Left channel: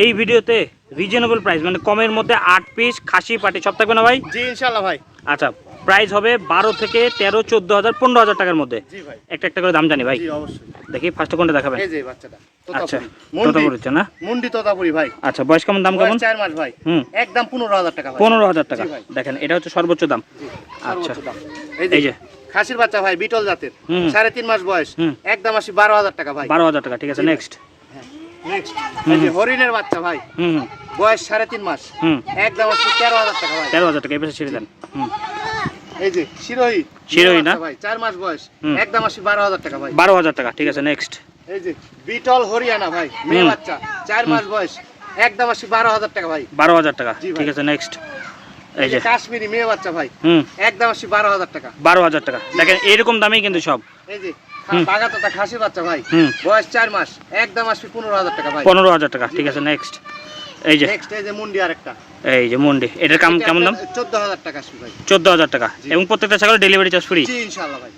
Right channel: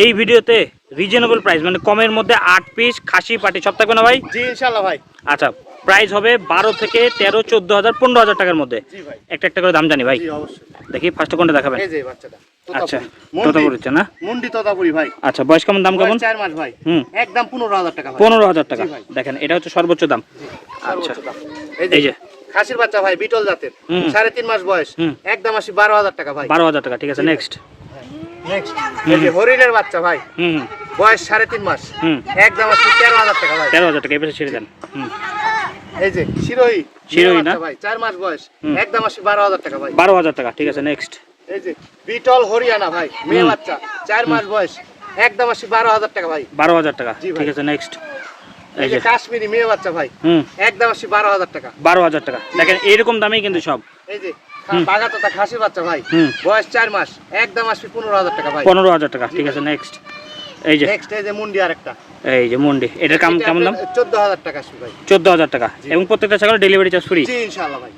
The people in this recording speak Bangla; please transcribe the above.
এই ভিডিওতে রিজনেবল প্রাইস মানে কমের মধ্যে 8 পিস খাসি পাটি সব থাকবে না ভাই? জি ইনশাআল্লাহ ভাই। আচ্ছা, প্রাইস হবে 12 থেকে 13, 14,000, 15,000 টাকার মধ্যে। জি ভাই। একটা একটা করে দাম জানি ভাই। জি অবশ্যই। দেখি ফার্স্ট কোনটা দেখাবেন? এই যে বাচ্চাটা। আচ্ছা, মুন্ডি। তোতাপুরি না? মুন্ডি তোতাপুরি ভাই। আচ্ছা, বয়স কেমন, দাম কেমন? 4 মাস ভাই। একদম 15,000 টাকা ভাই। 15,000 টাকা। জি ভাই। দেখেন এটা হচ্ছে সর্বোচ্চ দাম। আচ্ছা, সর্বোচ্চ দাম। এই যে খাসির বাচ্চা ভাই, বিটল জাতের। 3.5 মাস বয়স। একদম আসি 12,000 টাকা ভাই। 12,000 টাকা, ঠিক আছে। নেক্সট নেক্সট এই যে হরিণের বাচ্চা ভাই। বয়স 3.5 মাস। একদম আসি 13,000 টাকা ভাই। 13,000 টাকা, এই পাশে ছেড়ে দেন। এই যে শিরোহী। শিরোহী না ভাই, 4 মাস বয়স। একদম আসি 12,000 টাকা ভাই। 12,000 টাকা, ঠিক আছে। নেক্সট এই যে বিটল হরিয়ানা ভাই, মেয়ে বাচ্চা, 4 মাস বয়স। একদম আসি 12,000 টাকা ভাই। 12,000 টাকা, ঠিক আছে। নেক্সট এই যে কাশ্মীরি মেয়ে বাচ্চা ভাই। একদম আসি 12,000 টাকা। 12,000 টাকা। দেখেন এইরকম দামেই কিন্তু সব। এই যে বাগাতোতা খাসি বাচ্চা ভাই। বয়স 4 মাস। একদম আসি 15,000 টাকা ভাই। 15,000 টাকা, ঠিক আছে। নেক্সট এই যে মুন্ডি আরেকটা। এই যে মুন্ডি, এটার কেমন দাম? 14,000 টাকা আসবে ভাই। 14,000 টাকা। এবং প্রত্যেকটা ছাগল ডেলিভারি চার্জ ফ্রি? জি ইনশাআল্লাহ ভাই।